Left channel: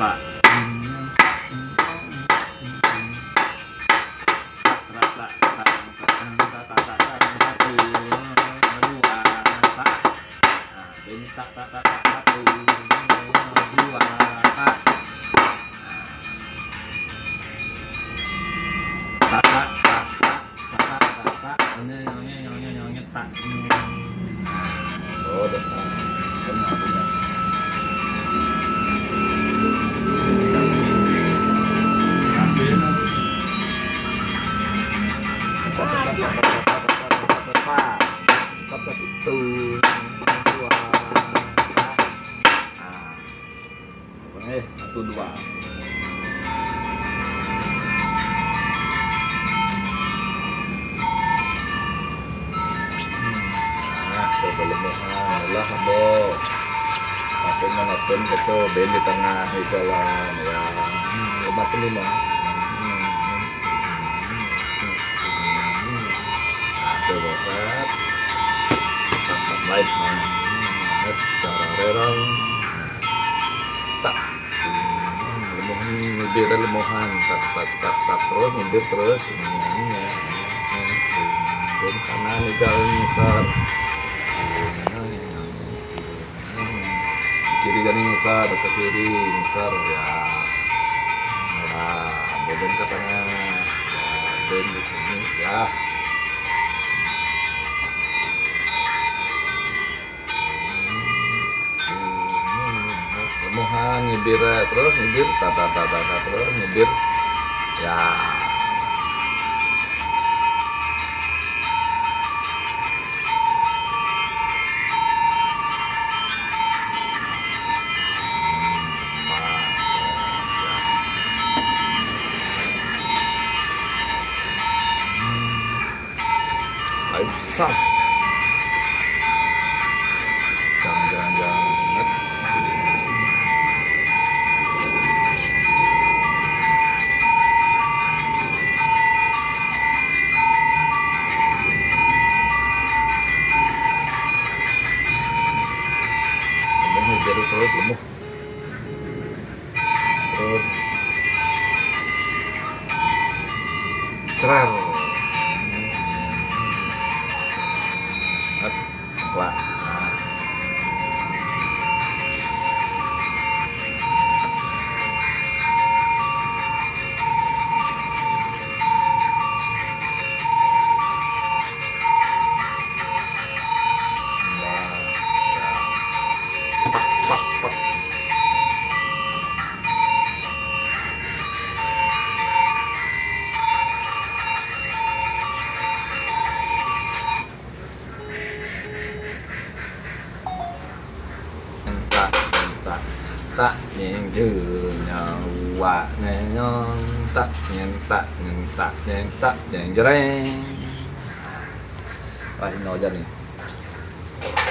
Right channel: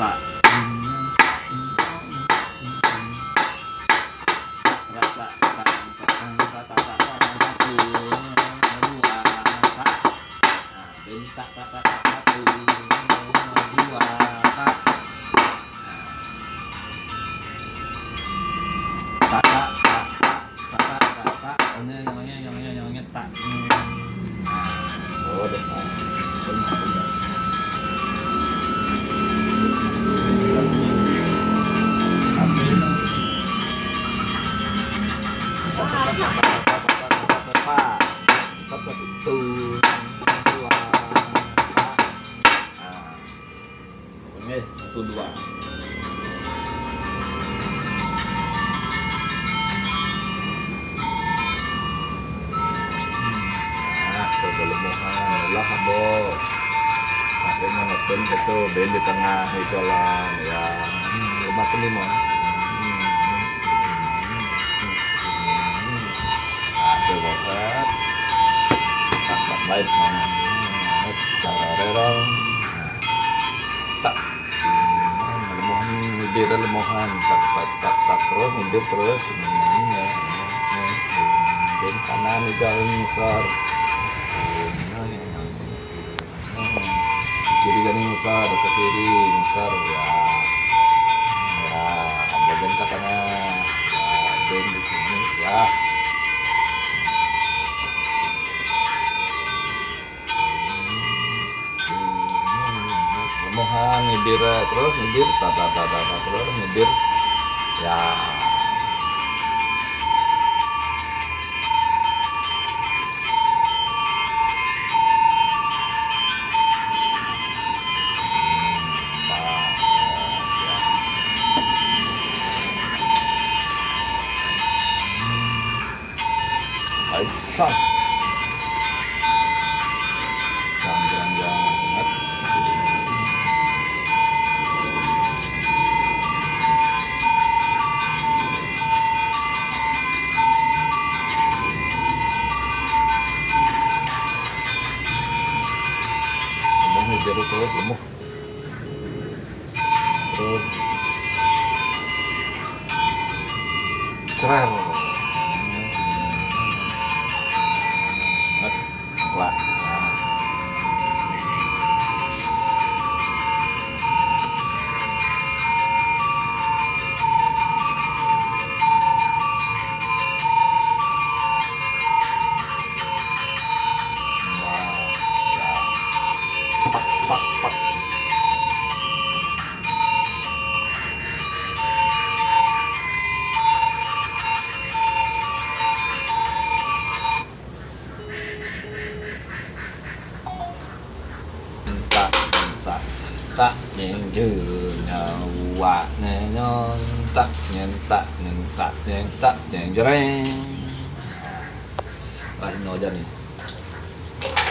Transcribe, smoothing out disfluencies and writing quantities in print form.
tak Oh, udah. Satu dua. Kelemohan lah abo masih menonton itu band di tengah itu lah ya lemas lima ada bosan tangkap lain cara rerang tak lemohan nyibir lemohan tak terus nyibir terus ini band kanan itu besar kiri gani besar ke kiri besar ya boben ke tengah ya ben di sini ya lemohan nyibir terus nyibir terus nyibir ya sas jangan lemuh ngejar terus lemuh terus cerar lah pak tak nhàng dường nyawa nyon tak nhàng jreng. Wah, ini aja nih.